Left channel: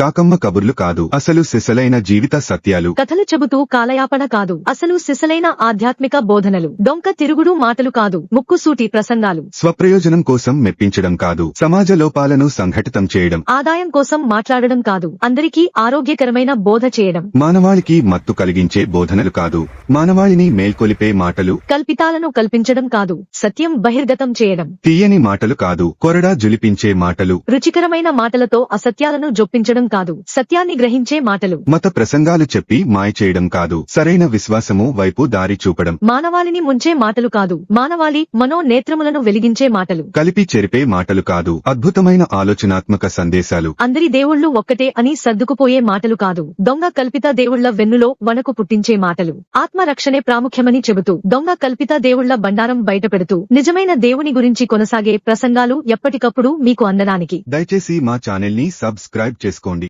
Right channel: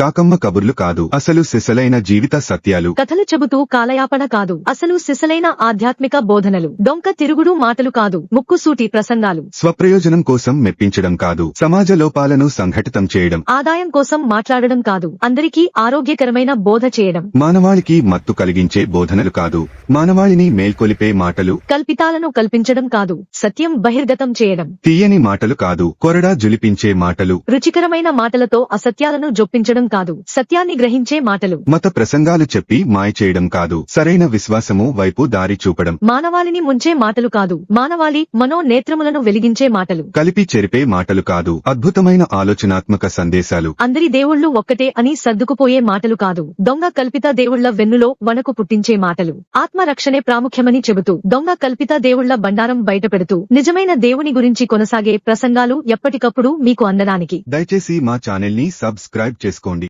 కాకమ్మ కబుర్లు కాదు, అసలు సిసలైన జీవిత సత్యాలు. కథలు చెబుతూ కాలయాపన కాదు, అసలు సిసలైన ఆధ్యాత్మిక బోధనలు. డొంక తిరుగుడు మాటలు కాదు, ముక్కుసూటి ప్రసంగాలు. స్వప్రయోజనం కోసం మెప్పించడం కాదు, సమాజ లోపాలను సంఘటితం చేయడం. ఆదాయం కోసం మాట్లాడడం కాదు, అందరికీ ఆరోగ్యకరమైన బోధ చేయడం. మానవాళికి మత్తు కలిగించే బోధనలు కాదు, మానవాళిని మేల్కొలిపే మాటలు. కల్పితాలను కల్పించడం కాదు, సత్యం బహిర్గతం చేయడం. తీయని మాటలు కాదు, కొరడా జలిపించే మాటలు. రుచికరమైన మాటలతో అసత్యాలను జొప్పించడం కాదు, సత్యాన్ని గ్రహించే మాటలు. మత ప్రసంగాలు చెప్పి మాయ చేయడం కాదు, సరైన విశ్వాసము వైపు దారి చూపడం. మానవాళిని ముంచే మాటలు కాదు, మానవాళి మనోనేత్రములను వెలిగించే మాటలు. కలిపి చెరిపే మాటలు కాదు, అద్భుతమైన ఆలోచనాత్మక సందేశాలు. అందరి దేవుళ్ళు ఒక్కటే అని సర్దుకుపోయే మాటలు కాదు, దొంగ కల్పిత దేవుళ్ల వెన్నులో వణకు పుట్టించే మాటలు. ఆత్మరక్షణే ప్రాముఖ్యమని చెబుతూ దొంగ కల్పిత దేవుళ్ల బండారం బయటపెడుతూ నిజమైన దేవుని గురించి కొనసాగే ప్రసంగాలు ఎప్పటికప్పుడు మీకు అందడానికి దయచేసి మా ఛానల్ ని సబ్స్క్రైబ్ చేసుకోండి.